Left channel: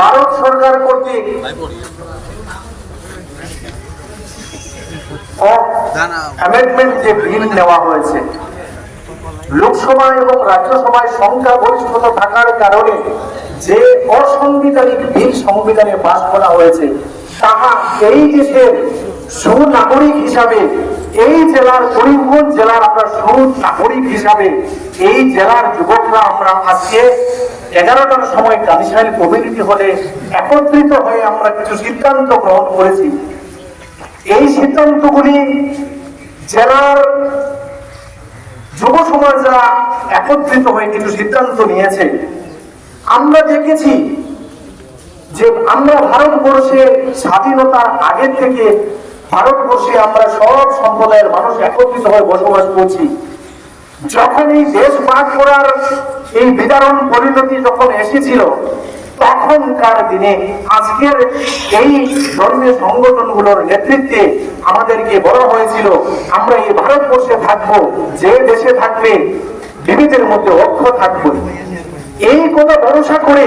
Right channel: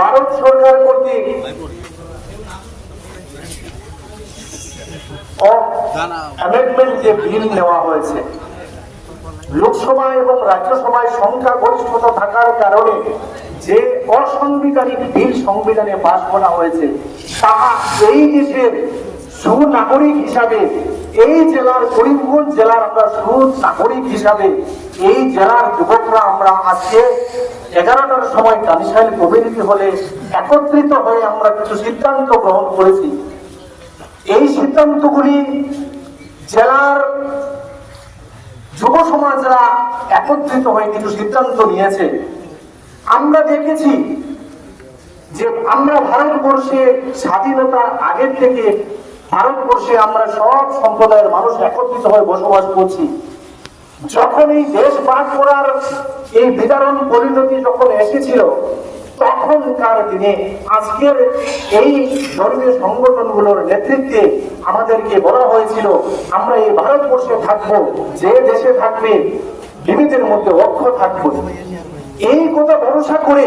ভারত সরকার কর্তৃক অ্যামেন্ডমেন্ট যে বিল নেওয়া হয়েছে, লোকসভা এবং রাজ্যসভায় সংখ্যাগরিষ্ঠতা থাকার কারণে যে অসাংবিধানিক বিল সংবিধানে পাস করা হয়েছে, তাহা এই দেশের সুনাগরিক হিসাবে, এই জেলার করিমগঞ্জ জেলার আমরা সুনাগরিক হিসাবে এই জেলার যুবকরা আমরা আজকে 11টার সময় কানিশাইল কমিউনিটি হলে একত্রিত হয়ে আমরা কিছু সিদ্ধান্ত গ্রহণ করেছি। এই সিদ্ধান্তগুলি জেলার যুব সমাজরা একত্রিত হয়ে কিছু সিদ্ধান্ত নিয়েছে। আমরা দেখেছি যে আমরা ভারতবর্ষে স্বাধীনতার আগের থেকে ভারতবর্ষে আমরা সব সম্প্রদায়ের মানুষ একত্রিত হয়ে বসবাস করছি। যখন এই দেশ ভাগ করার এই বিদারণ পরিণতি যখন এসেছিল, তখনকার দিনে আজকের এই ধর্মীয় সংগঠনগুলোর নেতৃত্বে আমাদেরকে বলা হয়েছিল আমরা এই ভারতবর্ষে থাকবো, যে দেশে থাকবে বিবিধের মধ্যে ঐক্য থাকবো। এই কথা ভরসা করে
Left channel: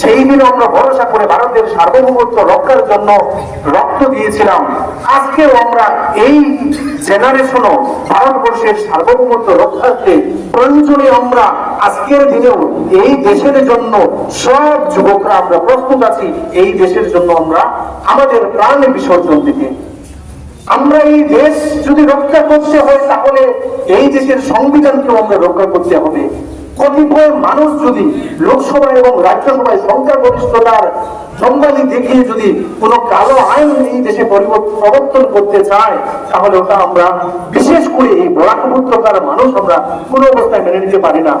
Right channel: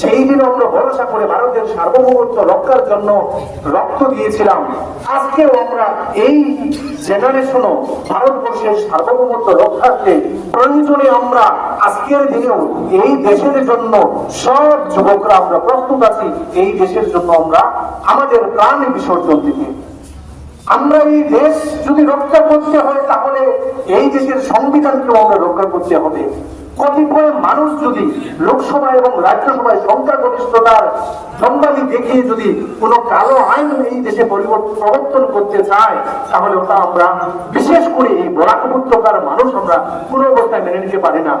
সেই দিনও আমরা ভরসা করে ভারতের সার্বভৌমত্ব রক্ষার জন্য রক্ত দিয়েছিলাম। আজকেও আমরা এই জেনারেশনও ভারতবর্ষের সার্বভৌমত্ব রক্ষার্থে প্রয়োজনে আমরা আজকের দিনেও এই দেশের জন্য সব যুবকরা আমরা প্রস্তুত আছি এই দেশের জন্য আমরা আমাদের প্রাণে বিসর্জন দিতে। আমরা এই দেশ যদি রক্ষা করতে হয়, তাহলে এই দেশের সংবিধানকেও আমরা রক্ষা করতে হবে। কতিপয় মানুষ যদি লোকসভা এবং রাজ্যসভায় সংখ্যাগরিষ্ঠতার জঙ্গলি দেখিয়ে যদি কোনো কালো আইন এই দেশে প্রবর্তন করতে চায়, তাহলে ওটা আমরা বিশেষ করে এই বরাক উপত্যকার মানুষ আমরা কোনো অবস্থায় মেনে নিতে পারি না।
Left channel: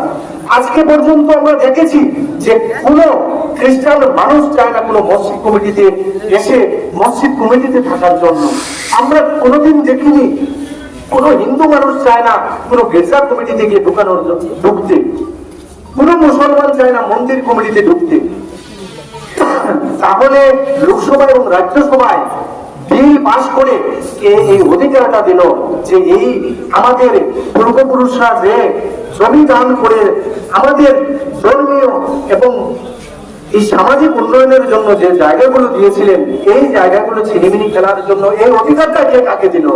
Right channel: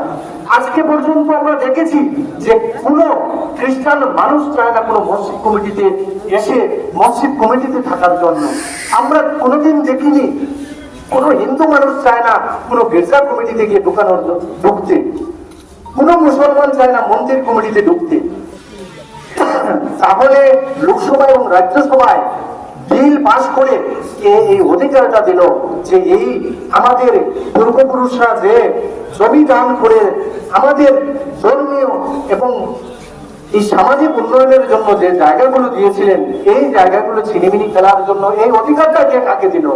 আজকে পর্যন্ত আমরা দেখেছি যে কোনো খ্রিস্টান মানুষ চায় না কোনো মসজিদ কমিটিতে এসে মসজিদ কমিটিতে থাকার জন্য। আমরা কোনোদিন দেখিনি কোন হিন্দু মানুষ চায় না কোন গির্জা কমিটি থেকে ঢুকতে, কোন মুসলমান চায় না মন্দির কমিটিতে ঢুকতে। তাহলে লোকসভা এবং রাজ্যসভায় বিল পাস করে কে এই অধিকারটা দিল যে এই আমাদের পূর্বপুরুষরা যে জমি দান করে আমাদের ধর্মীয় এবং এই সামাজিক উন্নয়নের জন্য যে জায়গাগুলো দিয়েছিলেন, এই জায়গাগুলো ছিনিমিনি খেলার জন্য এই অধিকারটা কে কাকে দিল?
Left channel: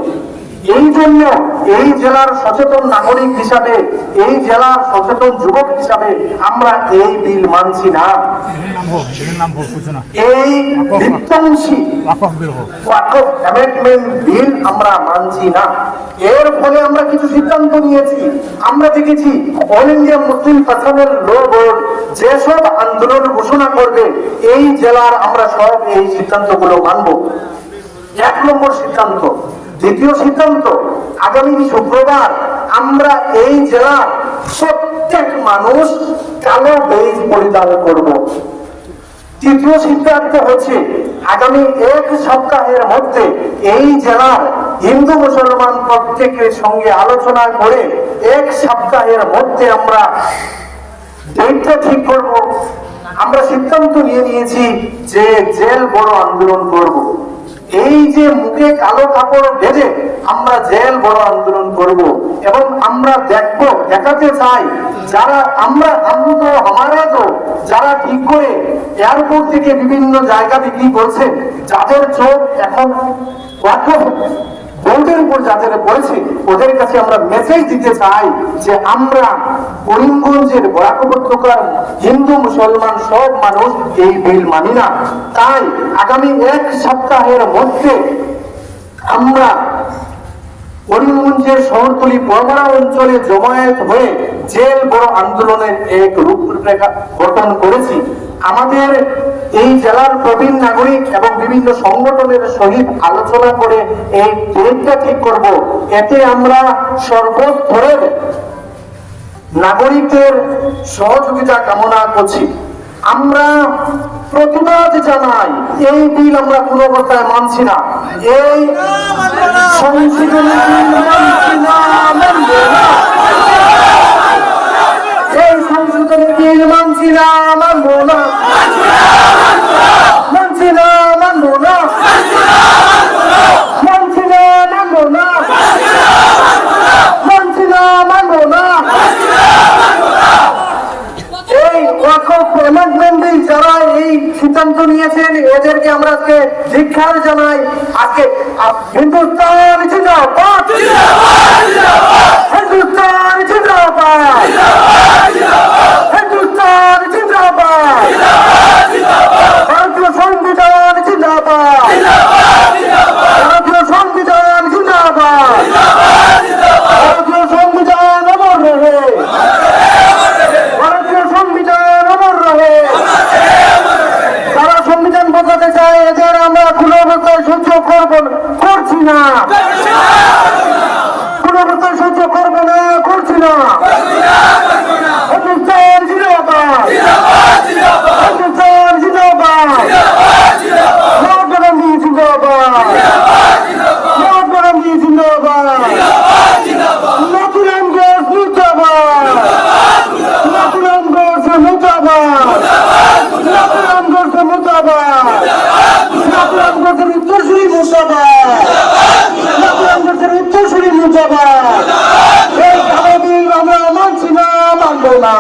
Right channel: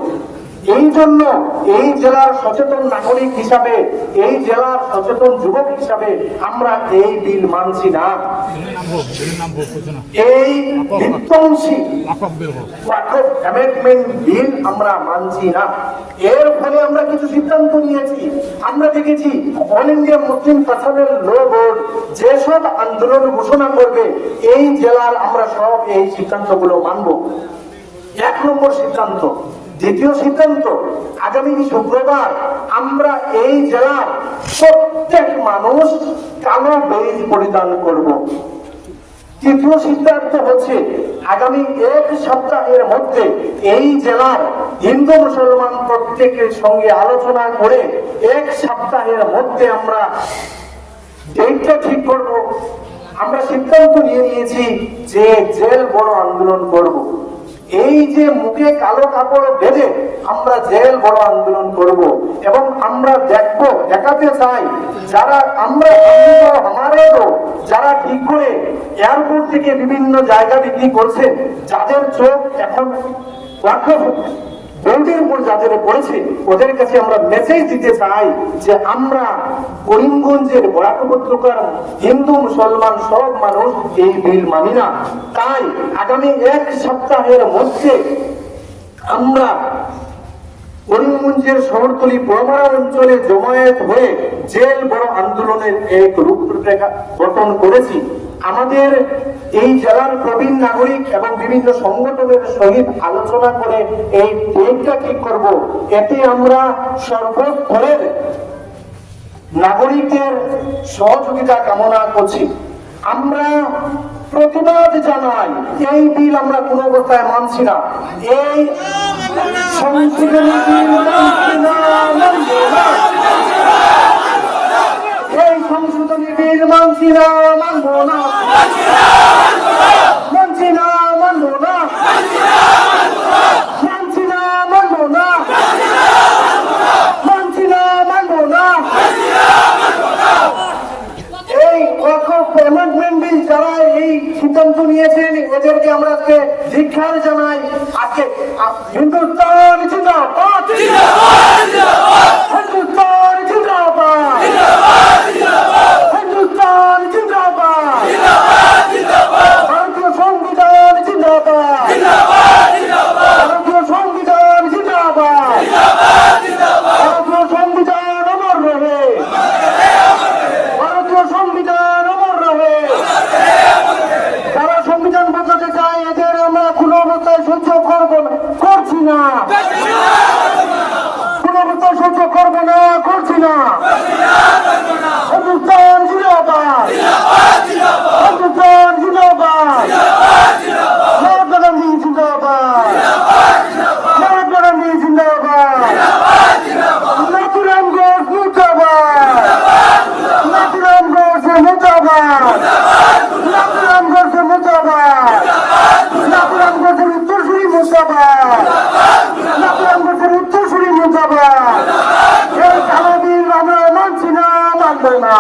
এই জন্য এই জেলার সচেতন নাগরিক হিসাবে, এই জেলার সচেতন যুবক হিসাবে আমরা এই বিল মানছি না। এই বিধ্বংসী অ্যামেন্ডমেন্ট বিল আমরা মানছি না। এর ফলে আমরা কিছু সিদ্ধান্ত নিয়েছি। আমরা দেখেছি অল ইন্ডিয়া মুসলিম পার্সোনাল ল বোর্ড যেসব আন্দোলন ঘোষণা করবে, এই জেলার আমরা সব এই সিদ্ধান্তগুলো মানব। 1 নম্বর সিদ্ধান্ত। দ্বিতীয় সিদ্ধান্ত, আগামী শুক্রবার আমরা এই জেলার প্রত্যেক মানুষ কালো বেজ পরিধান করব। তৃতীয় সিদ্ধান্ত হচ্ছে আগামী 1 সপ্তাহের মধ্যে এই জেলার হিন্দু মুসলমান প্রত্যেকের সঙ্গে আলোচনা করে 1 সপ্তাহের মধ্যে আমরা ডেটটা ঠিক করব। আমরা সিদ্ধান্ত নিয়েছি যে জেল বড় আন্দোলন করব। এই যে মুখে কালো কাপড় বেঁধে আমরা জেল বড় আন্দোলন করব এবং আমরা দেখাতে চাই যারা যারা ঠিক করে এয়ারপোর্ট থেকে বিভিন্ন জায়গা বিক্রি করছেন, যাদের চোখ এখন বোর্ডের উপর যাদের পড়েছে, ওদের কাছে আমরা মেসেজ দিতে চাই যে আমরা করিমগঞ্জের বরাক উপত্যকার হিন্দু মুসলমান সব মানুষ এই বিল মানি না। তাই আগামী 1 সপ্তাহের মধ্যে আমরা করিমগঞ্জের শহরতলি পরমারা অঞ্চলে জমায়েত হয়ে জেল বড় আন্দোলনের এক রূপরেখা গঠন করেছি। আমাদের এই জেলার প্রবীণ নাগরিক এবং বিভিন্ন সংগঠনের সহিত আলোচনা করে এই ডেটটা ঠিক করব। এতে আমরা সর্বস্তরের নাগরিকদের সহযোগিতা কামনা করছি। আমরা প্রতিবাদ জানাই, এই বিল আমরা কোনো অবস্থায় মানছি না। এই সংশোধনী বিল মানছি না, এই সংশোধনী বিল মানছি না, মানবো না, মানছি না, মানবো না, মানছি না, মানবো না, মানছি না, মানবো না। এই অ্যামেন্ডমেন্ট বিল যারা এই সিদ্ধান্ত নিয়েছেন এদেরকে আমরা আজকে ধিক্কার জানাই। আজকে হিন্দুস্তান জিন্দাবাদ, হিন্দুস্তান জিন্দাবাদ, হিন্দুস্তান জিন্দাবাদ, ভারতীয় সংবিধান জিন্দাবাদ, ভারতীয় সংবিধান জিন্দাবাদ, ভারতীয় সংবিধান অমর রহে, ভারতীয় সংবিধান অমর রহে। যারা সংবিধান বদলাতে চায় এদের আমরা কোনো অবস্থায় সহ্য করছি না, কোনো অবস্থায় সহ্য করবো না, করছি না। হিন্দুস্তান জিন্দাবাদ, হিন্দুস্তান জিন্দাবাদ, মহাত্মা গান্ধী জিন্দাবাদ, মহাত্মা গান্ধী জিন্দাবাদ, নাথুরাম ঘোষ মুর্দাবাদ, নাথুরাম ঘোষ মুর্দাবাদ, নাথুরাম ঘোষ মুর্দাবাদ, নাথুরাম ঘোষের উত্তরসূরি মুর্দাবাদ, নাথুরাম ঘোষের উত্তরসূরি মুর্দাবাদ। এই কালো বিল আমরা মানছি না, মানবো না।